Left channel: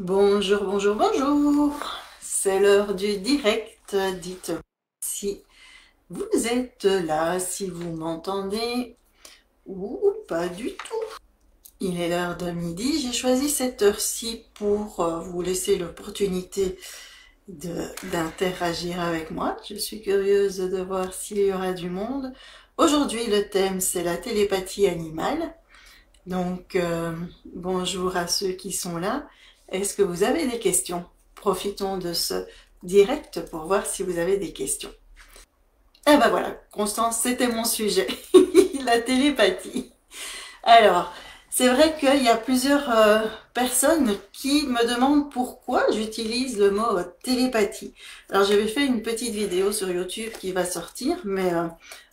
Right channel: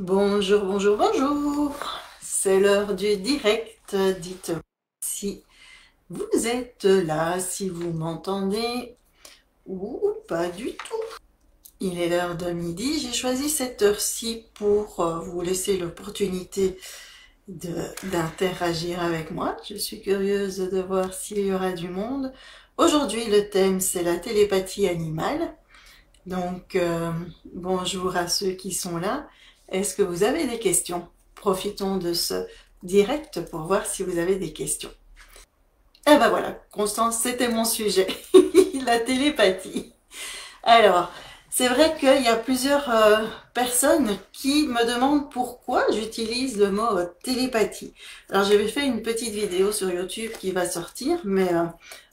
Bonjour, bonjour, bonjour. C'est l'heure du direct. Dites-moi si vous êtes là, si vous m'entendez ou pas du tout. Il est l'heure de midi. J'ai choisi cette heure-ci pour vous laisser l'opportunité d'interagir avec moi. Je suis curieuse de voir s'il y aura du monde. Aujourd'hui, le thème, c'est la télépathie animale. Donc, bonjour à ceux qui sont là. Est-ce que vous avez des questions? Profitons de ce direct pour voir si vous avez des questions. Eh ben voilà, Constance, c'était mon sujet, la télépathie. Alors, c'est vrai qu'il y a plusieurs personnes qui me demandent pourquoi j'utilise le mot télépathie. Alors, j'avais fait une petite vidéo sur YouTube qui va sortir, mais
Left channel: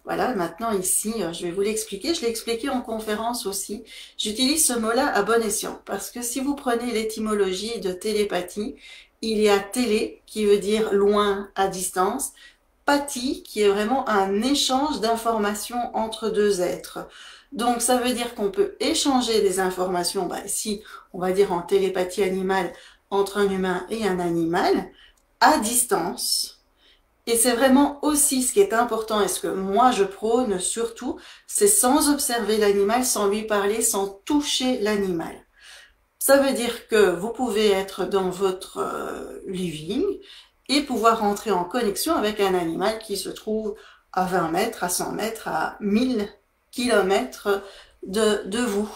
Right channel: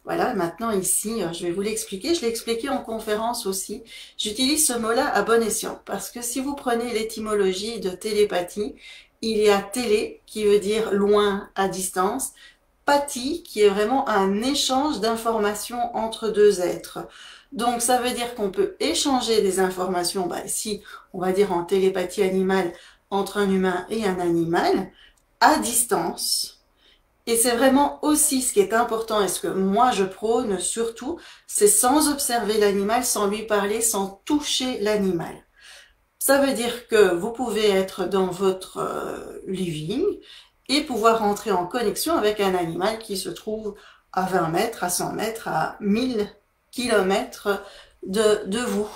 voilà, maintenant ici, je vais vous l'expliquer. Je l'ai expliqué en conférence aussi. J'utilise ce mot-là à bon escient, parce que si vous prenez l'étymologie de télépathie, il y a télé, qui veut dire loin, à distance, pathie, qui est vraiment un échange d'informations entre deux êtres. Donc ça veut dire qu'on peut échanger des informations, ici on va dire en télépathie animale, entre un humain et un animal, à distance. Et c'est vraiment aussi ce qui est important et ce que moi je prône surtout, c'est sans observer l'animal, sans lui parler, sans toucher l'animal. Ça veut dire que vous pouvez être dans votre living et pouvoir entrer en connexion avec un animal qui se trouve à 20 mètres, à 100 mètres, à 1000 kilomètres de vous.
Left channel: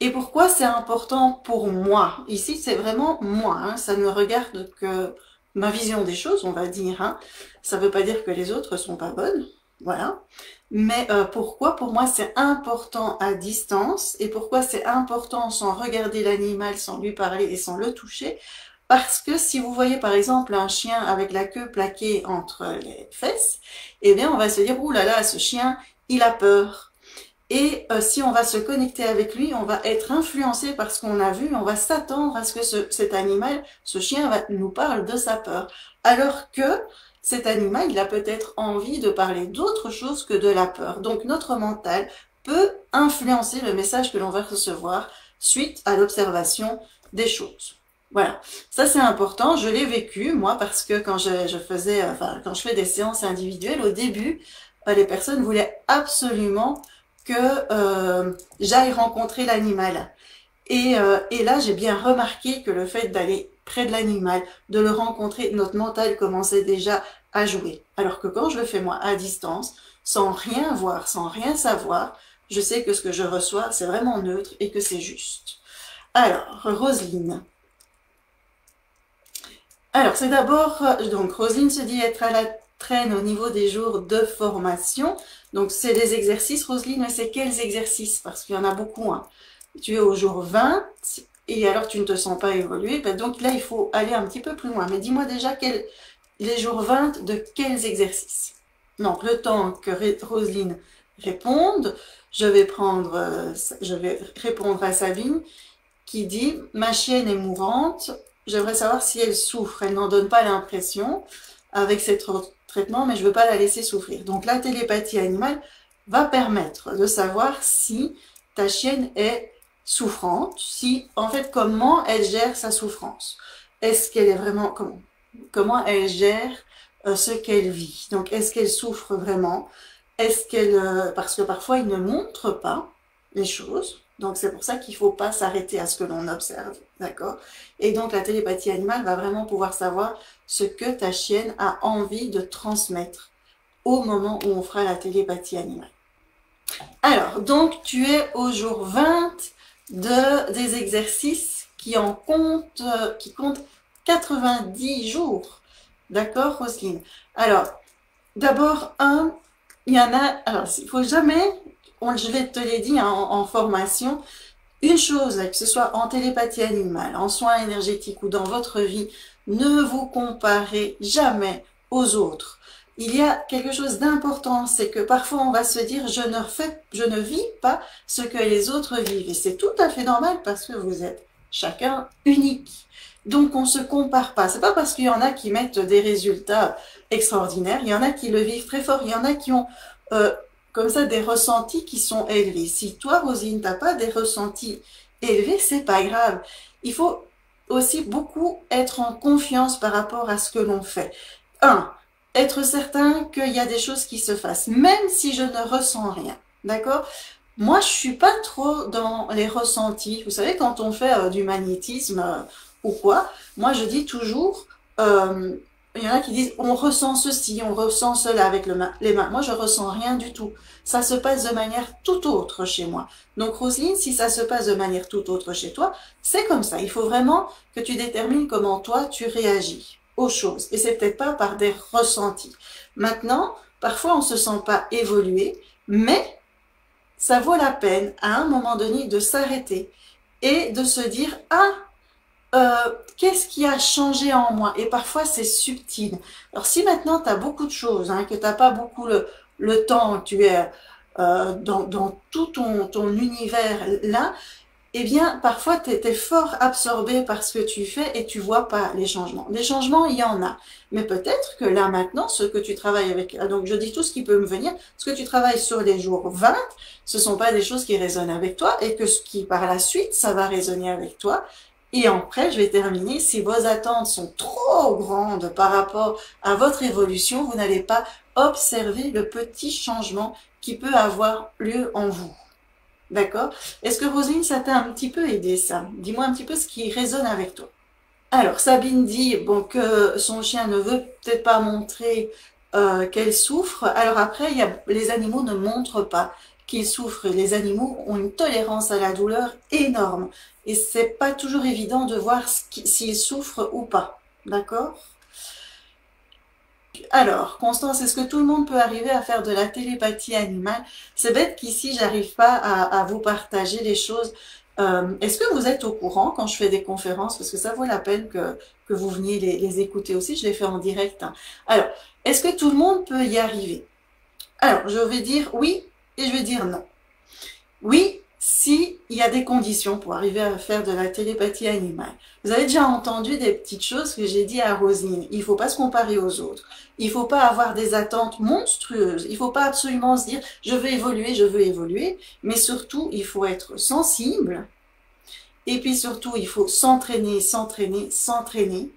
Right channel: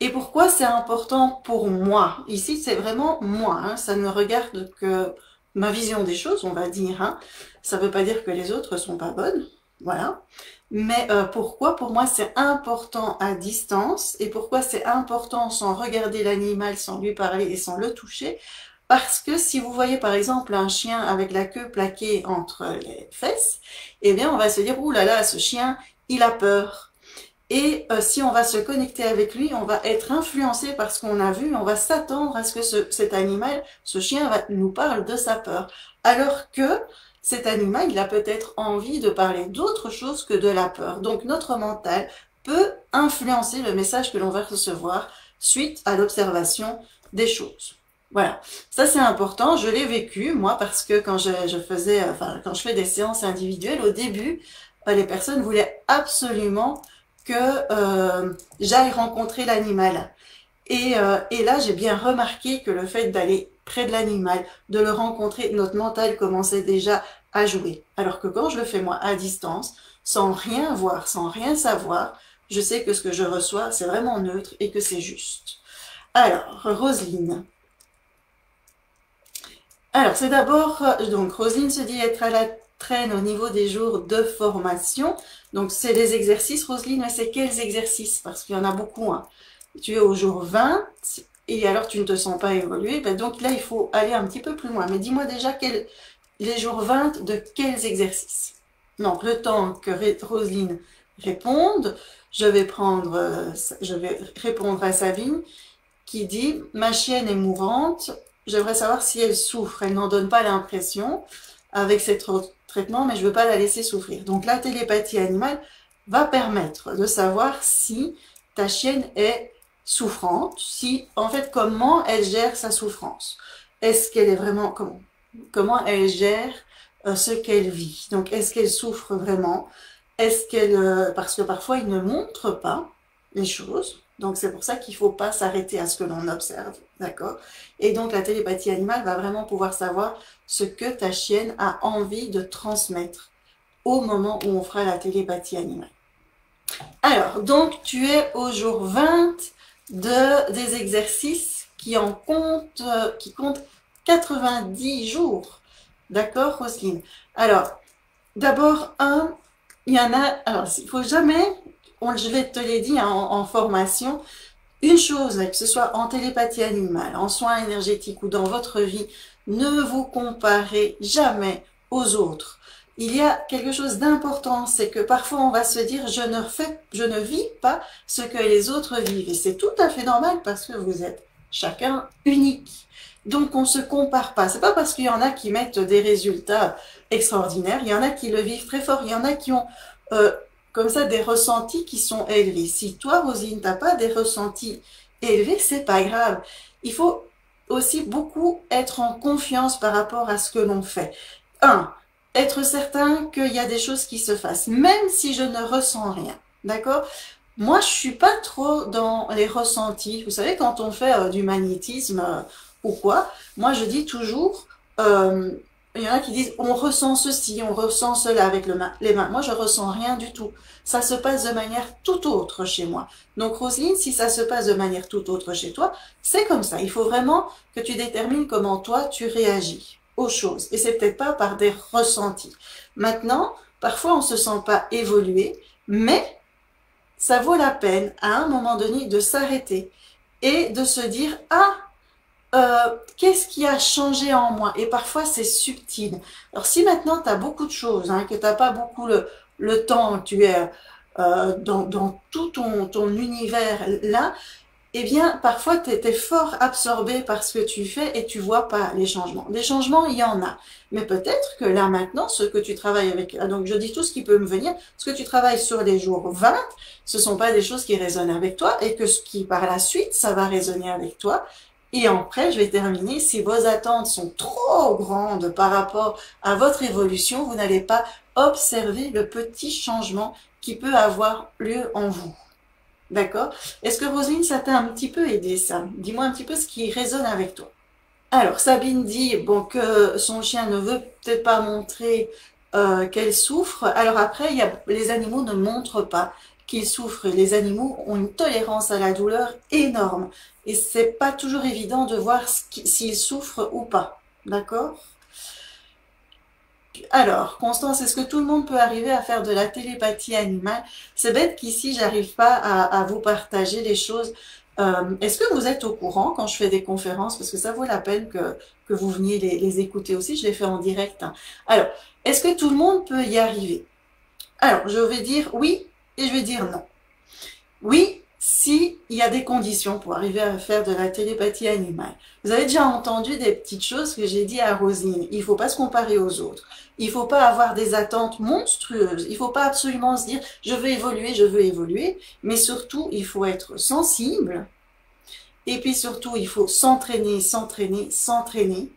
Et pourquoi c'est important pour moi? Ici, c'est vraiment moi, hein, ça ne regarde que ma vision des choses, on va dire. Hein. Ça ne veut pas dire que les autres sont pas bonnes, voilà. Mais pourquoi pour moi c'est important à distance et pourquoi c'est important sans regarder l'animal, sans lui parler et sans le toucher? Parce que si vous voyez par exemple un chien avec la queue plaquée entre les fesses, eh bien on va se dire, ouh là là, ce chien, il a peur. Et si on va se connecter avec lui, on va être influencé par ce qu'on a vu, on va s'attendre à ce que cet animal, ce chien, nous parle de sa peur. Alors que cet animal, il a peut-être envie de parler d'autre chose que de la peur. Donc notre mental peut influencer le message que l'on va recevoir suite à l'observation des choses. Voilà, ça c'est important, je l'ai vécu moi parce que quand quand je fais des séances individuelles, au début, les personnes voulaient absolument que j'aille rencontrer l'animal. Et là, j'ai bien remarqué que le fait d'aller près de l'animal, de le rencontrer, notre mental commençait déjà à jouer. Alors que quand je le fais moi à distance, sans rien voir, sans rien savoir, je sais que ce que je reçois, c'est vraiment neutre et que c'est juste. Alors, Roselyne. Alors, c'est d'abord, donc Roselyne se dit être à la traîne au niveau des jours de formation. Donc, c'est des exercices, Roselyne, mais c'est quels exercices? Parce qu'il y en a beaucoup. Hein. Tu es au jour 20 et alors tu ne te sens pas évoluer. Donc là, il faut aller un petit peu plus loin. Mais dis-moi déjà les jours 20 de quels exercices? Donc, le temps que Roselyne réponde, je vais répondre à Sabine qui dit « Ma chienne est mourante, j'aimerais savoir si elle souffre. Elle n'en donne pas l'impression avec ces traitements, mais je ne veux pas la laisser souffrir. » Donc la télépathie animale va permettre de savoir si ta chienne est souffrante, si en fait comment elle gère sa souffrance. Est-ce qu'elle est vraiment comment elle gère ce qu'elle vit. Donc est-ce qu'elle souffre vraiment? Est-ce qu'elle parce que parfois il ne montre pas les choses. Donc c'est pour ça qu'il ne faut pas s'arrêter à ce que l'on observe, d'accord? Et donc la télépathie animale va vraiment pouvoir savoir ce que ta chienne a envie de transmettre au moment où on fera la télépathie animale. Alors, donc tu es au jour 20 des exercices qui comptent 90 jours. D'accord, Roselyne? Alors, d'abord, il y en a, alors il faut jamais, je vais te l'ai dit hein, en formation, une chose, que ce soit en télépathie animale, en soins énergétiques ou dans votre vie, ne vous comparez jamais aux autres. Il y a quelque chose d'important, c'est que parfois on va se dire je ne vis pas ce que les autres vivent. Et c'est tout à fait normal parce que vous êtes chacun unique. Donc on ne se compare pas. C'est pas parce qu'il y en a qui mettent des résultats extraordinaires, il y en a qui le vivent très fort, il y en a qui ont comme ça des ressentis qui sont élevés. Si toi, Rosine, t'as pas des ressentis élevés, c'est pas grave. Il faut aussi beaucoup être en confiance par rapport à ce que l'on fait. Un, être certain qu'il y a des choses qui se fassent, même si je ne ressens rien. D'accord? Moi, je suis pas trop dans les ressentis. Vous savez, quand on fait du magnétisme ou quoi, moi je dis toujours, euh, il y en a qui disent, on ressent ceci, on ressent cela avec les mains. Moi, je ressens rien du tout. Ça se passe de manière tout autre chez moi. Donc, Roselyne, si ça se passe de manière tout autre chez toi, c'est comme ça. Il faut vraiment que tu détermines comment toi, tu réagis aux choses. Et c'est peut-être pas par des ressentis. Maintenant, parfois, on se sent pas évoluer, mais ça vaut la peine à un moment donné de s'arrêter et de se dire, ah, qu'est-ce qui a changé en moi? Et parfois c'est subtil. Alors si maintenant tu as beaucoup de choses, hein, que tu n'as pas beaucoup le temps, tu es dans tout ton univers là, eh bien, parfois, tu es fort absorbé par ce que tu fais et tu vois pas les changements. Les changements, il y en a. Mais peut-être que là, maintenant, ce que tu travailles avec, donc je dis tout ce qui peut me venir, ce que tu travailles sur les jours 20, ce sont pas des choses qui résonnent avec toi et que ce qui, par la suite, ça va résonner avec toi. Et après, je vais terminer, si vos attentes sont trop grandes par rapport à votre évolution, vous n'allez pas observer le petit changement qui peut avoir lieu en vous. D'accord? Est-ce que Roselyne, ça t'a un petit peu aidé ça? Dis-moi un petit peu ce qui résonne avec toi. Alors, Sabine dit bon, que son chien ne veut peut-être pas montrer qu'elle souffre. Alors après, les animaux ne montrent pas qu'ils souffrent. Les animaux ont une tolérance à la douleur énorme. Et c'est pas toujours évident de voir s'ils souffrent ou pas. D'accord? Alors, Constance, est-ce que tout le monde peut arriver à faire de la télépathie animale? C'est bête qu'ici, j'arrive pas à vous partager les choses. Est-ce que vous êtes au courant quand je fais des conférences? Parce que ça vaut la peine que vous veniez les écouter aussi. Je les fais en direct, hein. Alors, est-ce que tout le monde peut y arriver? Alors, je vais dire oui et je vais dire non. Oui, si il y a des conditions pour arriver à faire de la télépathie animale. Vous avez déjà entendu des petites choses que j'ai dit à Roselyne. Il ne faut pas se comparer aux autres. Il ne faut pas avoir des attentes monstrueuses. Il ne faut pas absolument se dire je veux évoluer, je veux évoluer. Mais surtout, il faut être sensible. Et puis surtout, il faut s'entraîner, s'entraîner, s'entraîner.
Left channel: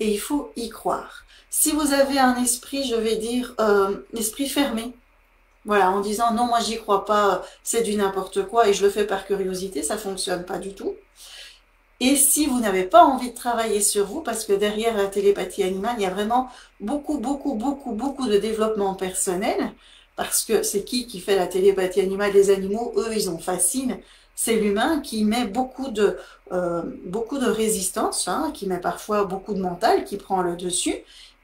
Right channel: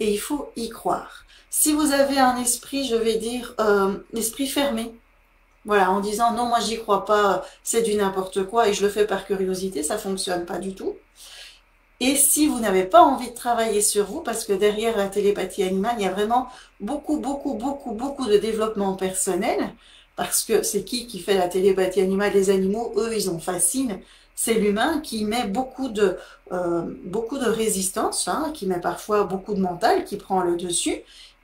Et il faut y croire. Si vous avez un esprit, je vais dire, esprit fermé, voilà, en disant non, moi j'y crois pas, c'est du n'importe quoi et je le fais par curiosité, ça fonctionne pas du tout. Et si vous n'avez pas envie de travailler sur vous, parce que derrière la télépathie animale, il y a vraiment beaucoup, beaucoup, beaucoup, beaucoup de développement personnel, parce que c'est qui fait la télépathie animale? Les animaux, eux, ils en fascinent. C'est l'humain qui met beaucoup de résistance, hein, qui met parfois beaucoup de mental, qui prend le dessus.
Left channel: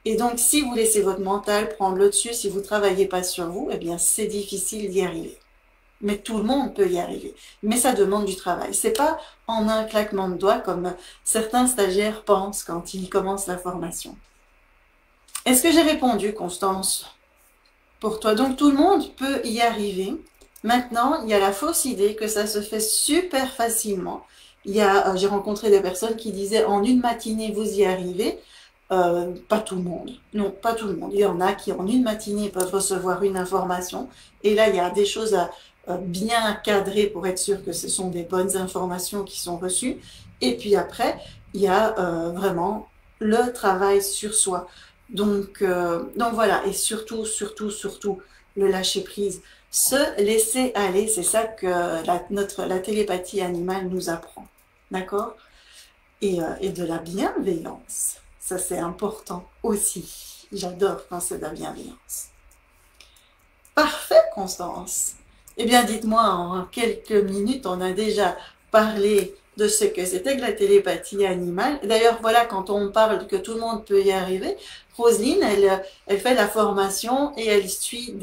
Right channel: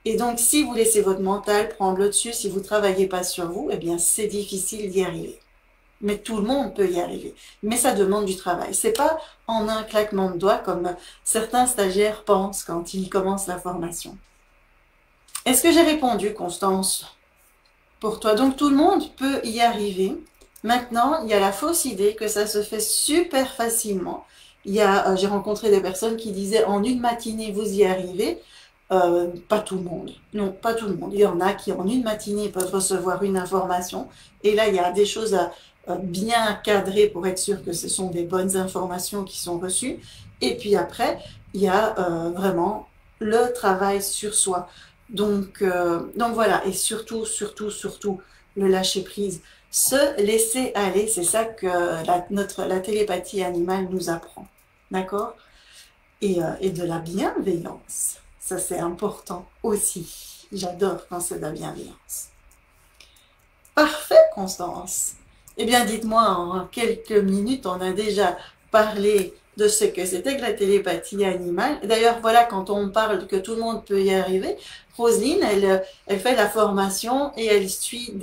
Et donc, si vous laissez votre mental prendre le dessus, si vous ne travaillez pas sur vous, eh bien, c'est difficile d'y arriver. Mais tout le monde peut y arriver. Mais ça demande du travail. C'est pas en un claquement de doigts comme certains stagiaires pensent quand ils commencent la formation. Est-ce que j'ai répondu, Constance, pour toi? Donc tout le monde peut y arriver. Maintenant, il y a la fausse idée que ça se fait super facilement. J'ai rencontré des personnes qui disaient en une matinée vous y arrivez. Pas tout le monde. Non, pas tout le monde. Il y en a qui en une matinée peuvent recevoir une information. Et là, il y a des choses à bien cadrer pour être sûr que ce sont des bonnes informations qui sont reçues. Et puis après, il y a vraiment le travail sur soi. Donc voilà. Et surtout, surtout, surtout, le lâcher prise. Se laisser aller, c'est ça que la télépathie animale nous apprend. D'accord? Et de la bienveillance. Ça, c'est important aussi. J'adore quand c'est de la bienveillance. Parfait, Constance. Eh bien, dites-moi, en quelques minutes, on a déjà parlé de ce que c'était que la télépathie animale. D'ailleurs, voilà, quand on parle que tout le monde peut y arriver, Roselyne, elle fait la formation et elle suit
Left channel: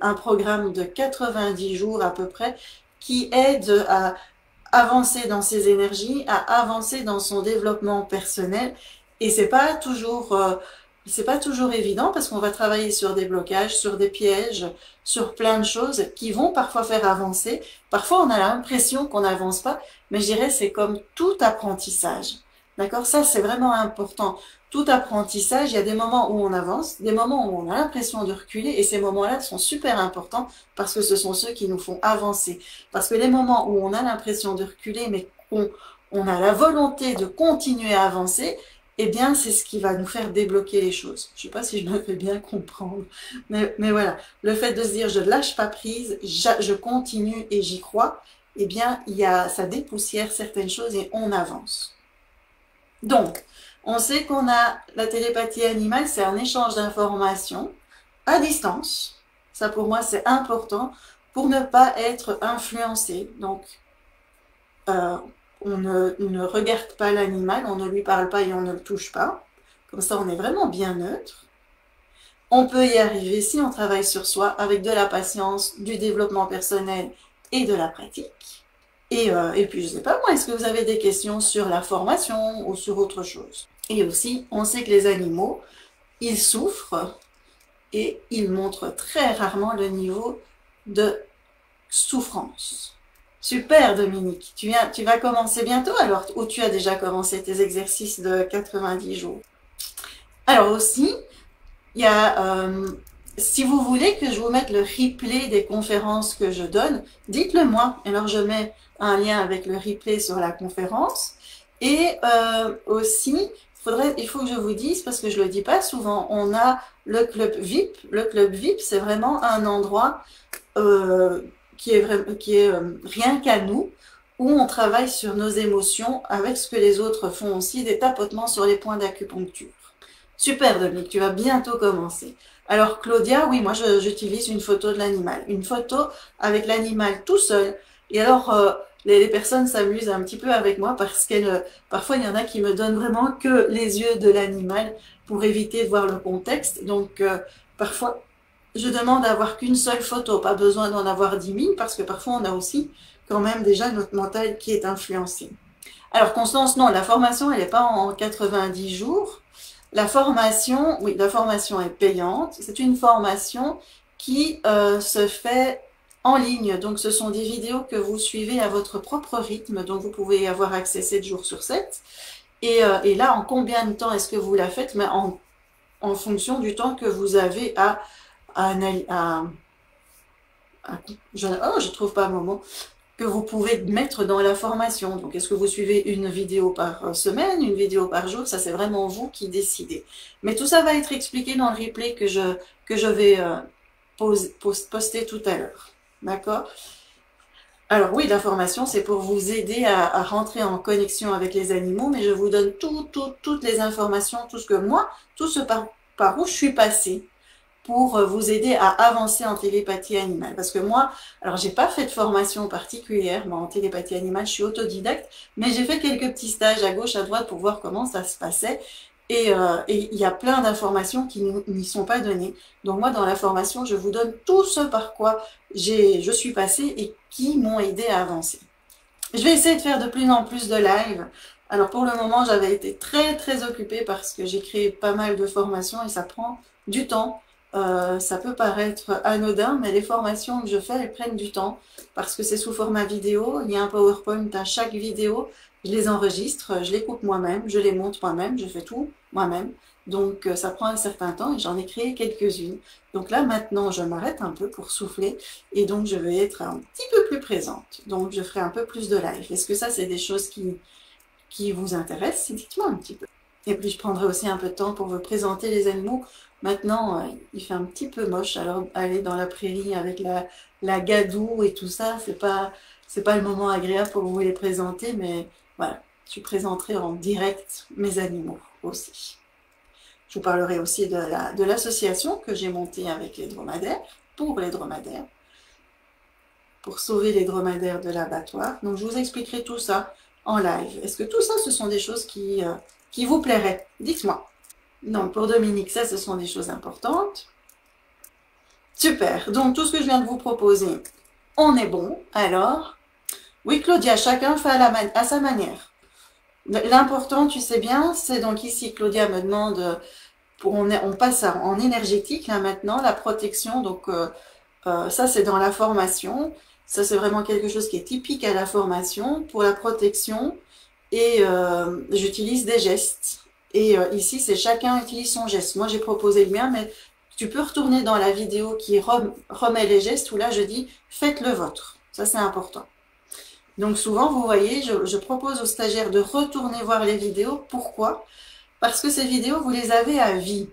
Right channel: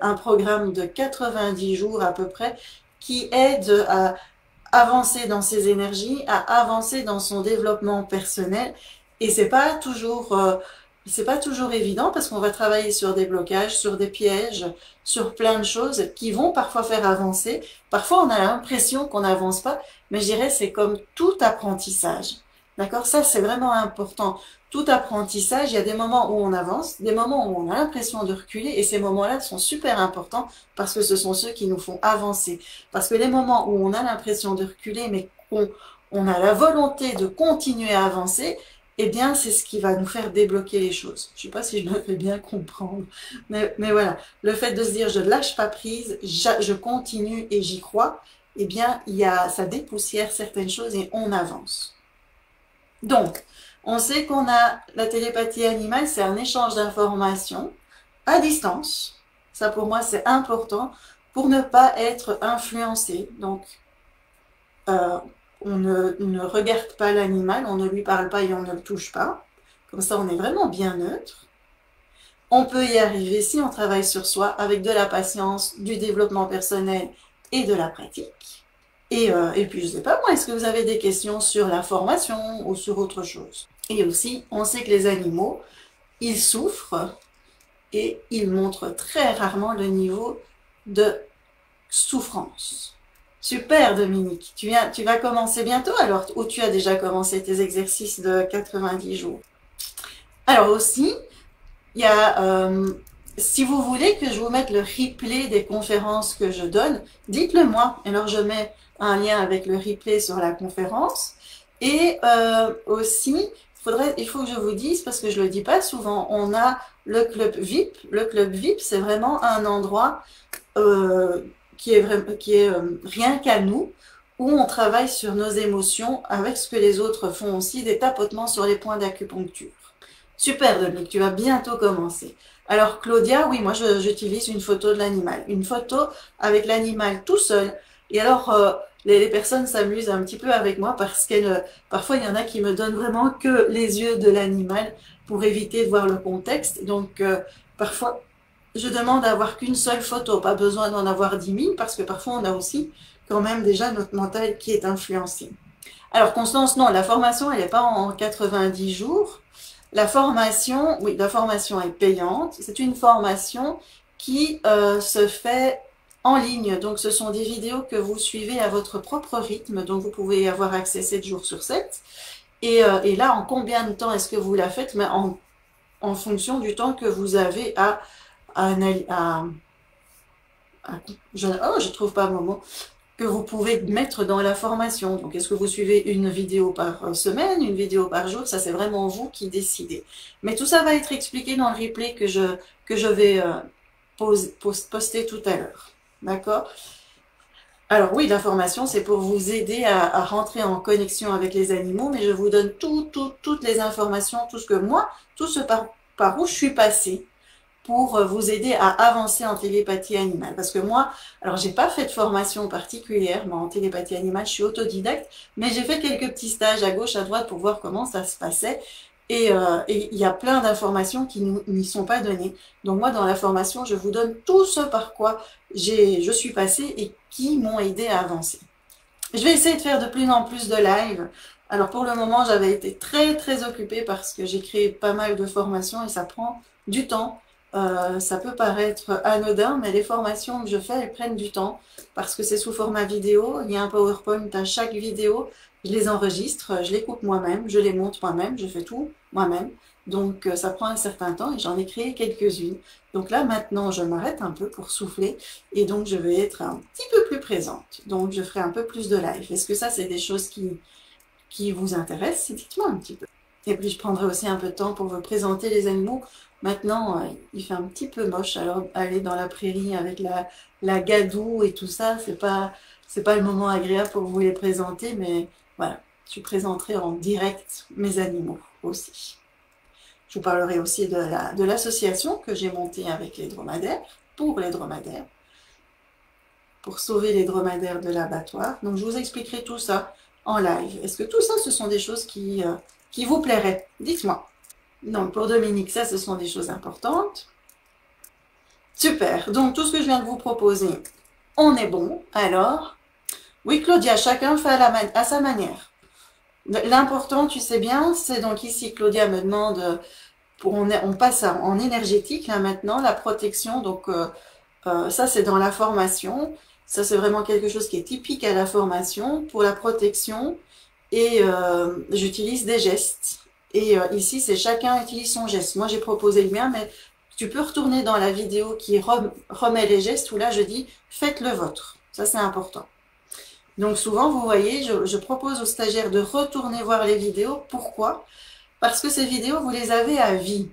un programme de 90 jours à peu près qui aide à avancer dans ses énergies, à avancer dans son développement personnel. Et c'est pas toujours évident parce qu'on va travailler sur des blocages, sur des pièges, sur plein de choses qui vont parfois faire avancer. Parfois, on a l'impression qu'on n'avance pas, mais je dirais c'est comme tout apprentissage. D'accord? Ça, c'est vraiment important. Tout apprentissage, il y a des moments où on avance, des moments où on a l'impression de reculer, et ces moments-là sont super importants parce que ce sont ceux qui nous font avancer. Parce que les moments où on a l'impression de reculer, mais on a la volonté de continuer à avancer, eh bien, c'est ce qui va nous faire débloquer les choses. Je ne sais pas si je me fais bien comprendre, mais voilà. Le fait de se dire, je ne lâche pas prise, je continue et j'y crois, eh bien, ça dépoussière certaines choses et on avance. Donc, on sait qu'on a la télépathie animale, c'est un échange d'informations à distance. Ça, pour moi, c'est important pour ne pas être influencé. Donc, on ne regarde pas l'animal, on ne lui parle pas et on ne le touche pas. Comme ça, on est vraiment bien neutre. On peut y arriver si on travaille sur soi avec de la patience, du développement personnel et de la pratique. Et puis, je ne sais pas moi, est-ce que vous avez des questions sur la formation ou sur autre chose? Et aussi, on sait que les animaux, ils souffrent et ils montrent très rarement le niveau de souffrance. Super Dominique, tu vas commencer bientôt alors, ou tu as déjà commencé tes exercices de 90 jours? Alors aussi, il y a, si vous voulez que je vous mette le replay des conférences que je donne, dites-le moi. Alors je mets un lien avec le replay sur la conférence. Et aussi, il faut que je vous dise, parce que je ne le dis pas souvent, on a le club VIP. Le club VIP, c'est vraiment un endroit qui est rien qu'à nous, où on travaille sur nos émotions avec ce que les autres font aussi, des tapotements sur les points d'acupuncture. Super Dominique, tu vas bientôt commencer. Alors Claudia, oui, moi j'utilise une photo de l'animal. Une photo avec l'animal tout seul. Et alors les personnes s'amusent un petit peu avec moi parce parfois il y en a qui me donnent vraiment que les yeux de l'animal pour éviter de voir le contexte. Donc parfois je demande à avoir qu'une seule photo, pas besoin d'en avoir 10 000 parce que parfois on a aussi quand même déjà notre mental qui est influencé. Alors Constance, non, la formation elle n'est pas en 90 jours. La formation, oui, la formation est payante. C'est une formation qui se fait en ligne. Donc, ce sont des vidéos que vous suivez à votre propre rythme. Donc, vous pouvez y avoir accès 7 jours sur 7. Et là, en combien de temps est-ce que vous la faites? Mais en fonction du temps que vous avez je trouve pas un moment que vous pouvez mettre dans la formation. Donc, est-ce que vous suivez une vidéo par semaine, une vidéo par jour? Ça, c'est vraiment vous qui décidez. Mais tout ça va être expliqué dans le replay que je vais poster tout à l'heure. D'accord? Alors oui, la formation, c'est pour vous aider à rentrer en connexion avec les animaux, mais je vous donne toutes les informations, tout ce que moi, tout ce par où je suis passée, pour vous aider à avancer en télépathie animale. Parce que moi, alors j'ai pas fait de formation particulière en télépathie animale, je suis autodidacte, mais j'ai fait quelques petits stages à gauche, à droite pour voir comment ça se passait. Et il y a plein d'informations qui n'y sont pas données. Donc moi, dans la formation, je vous donne tout ce par quoi je suis passée et qui m'ont aidé à avancer. Je vais essayer de faire de plus en plus de live. Alors pour le moment, j'avais été très occupée parce que j'ai créé pas mal de formations et ça prend du temps. Ça peut paraître anodin, mais les formations que je fais, elles prennent du temps parce que c'est sous format vidéo. Il y a un PowerPoint à chaque vidéo. Je les enregistre, je les coupe moi-même, je les monte moi-même, je fais tout moi-même. Donc ça prend un certain temps et j'en ai créé quelques-unes. Donc là maintenant je m'arrête un peu pour souffler et donc je vais être un petit peu plus présente. Donc je ferai un peu plus de live. Est-ce que ça c'est des choses qui vous intéressent? Dites-moi un petit peu. Et puis je prendrai aussi un peu de temps pour vous présenter les animaux. Maintenant il fait un petit peu moche, alors aller dans la prairie avec la gadoue et tout ça, c'est pas le moment agréable pour vous les présenter, mais voilà, je présenterai en direct mes animaux aussi. Je vous parlerai aussi de l'association que j'ai montée avec les dromadaires, pour les dromadaires, pour sauver les dromadaires de l'abattoir. Donc je vous expliquerai tout ça en live. Est-ce que tout ça, ce sont des choses qui vous plairaient? Dites-moi. Non, pour Dominique, ça, ce sont des choses importantes. Super. Donc tout ce que je viens de vous proposer, on est bon. Alors, oui Claudia, chacun fait à sa manière. L'important, tu sais bien, c'est donc ici, Claudia me demande, on passe en énergétique, là maintenant, la protection, donc ça c'est dans la formation, ça c'est vraiment quelque chose qui est typique à la formation, pour la protection, et j'utilise des gestes, et ici c'est chacun utilise son geste. Moi j'ai proposé le mien, mais tu peux retourner dans la vidéo qui remet les gestes, où là je dis, faites le vôtre, ça c'est important. Donc souvent, vous voyez, je propose aux stagiaires de retourner voir les vidéos. Pourquoi? Parce que ces vidéos, vous les avez à vie.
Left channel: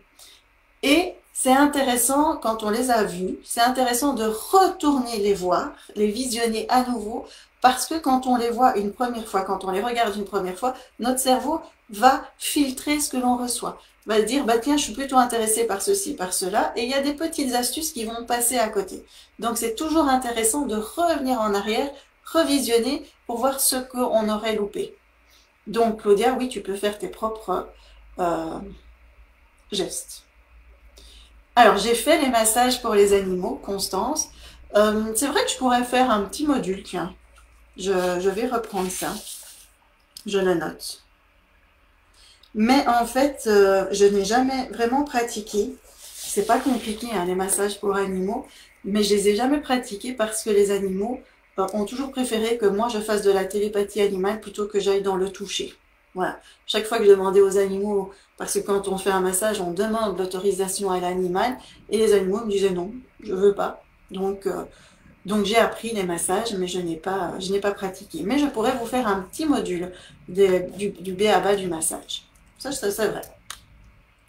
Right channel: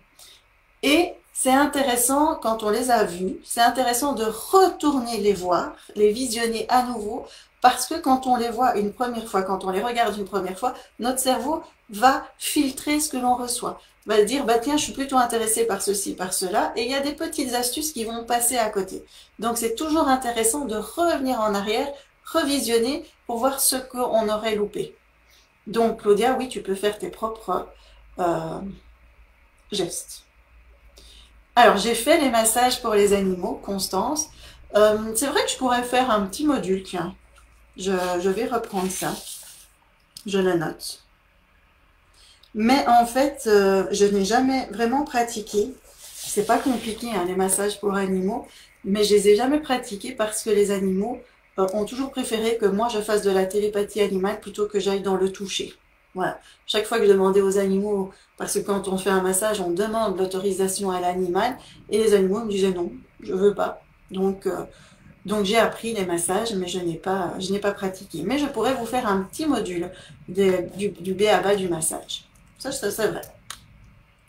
Et c'est intéressant, quand on les a vues, c'est intéressant de retourner les voir, les visionner à nouveau, parce que quand on les voit une première fois, quand on les regarde une première fois, notre cerveau va filtrer ce que l'on reçoit. Va dire, bah tiens, je suis plutôt intéressé par ceci, par cela, et il y a des petites astuces qui vont passer à côté. Donc c'est toujours intéressant de revenir en arrière, revisionner pour voir ce qu'on aurait loupé. Donc Claudia, oui, tu peux faire tes propres euh, gestes. Alors, j'ai fait les massages pour les animaux, Constance. C'est vrai que je pourrais faire un petit module, tiens. Je vais reprendre ça. Je le note. Mais en fait, je n'ai jamais vraiment pratiqué. C'est pas compliqué, hein, les massages pour animaux, mais je les ai jamais pratiqués parce que les animaux ont toujours préféré que moi je fasse de la télépathie animale plutôt que j'aille dans le toucher. Voilà. Chaque fois que je demandais aux animaux, parce que quand on fait un massage, on demande l'autorisation à l'animal, et les animaux me disaient non, je veux pas. Donc j'ai appris les massages, mais je n'ai pas pratiqué. Mais je pourrais vous faire un petit module du B à bas du massage. Ça c'est vrai.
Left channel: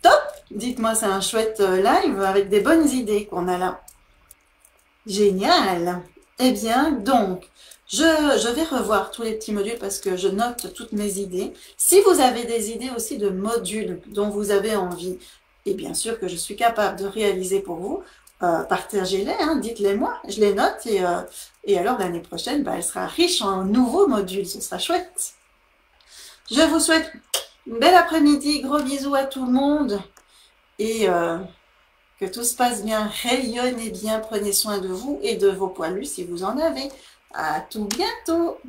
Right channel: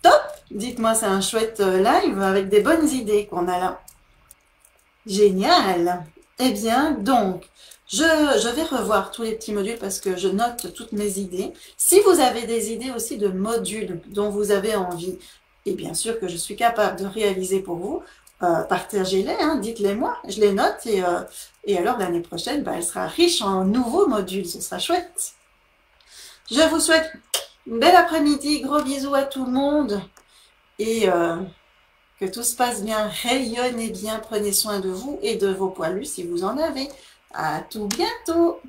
Top! Dites-moi, c'est un chouette live avec des bonnes idées qu'on a là. Génial! Eh bien, donc, je vais revoir tous les petits modules parce que je note toutes mes idées. Si vous avez des idées aussi de modules dont vous avez envie, et bien sûr que je suis capable de réaliser pour vous, partagez-les, hein, dites-les moi, je les note et alors l'année prochaine, bah, elle sera riche en nouveaux modules, ce sera chouette. Je vous souhaite un bel après-midi, gros bisous à tout le monde et que tout se passe bien, rayonnez bien, prenez soin de vous et de vos poilus si vous en avez. À tout bientôt!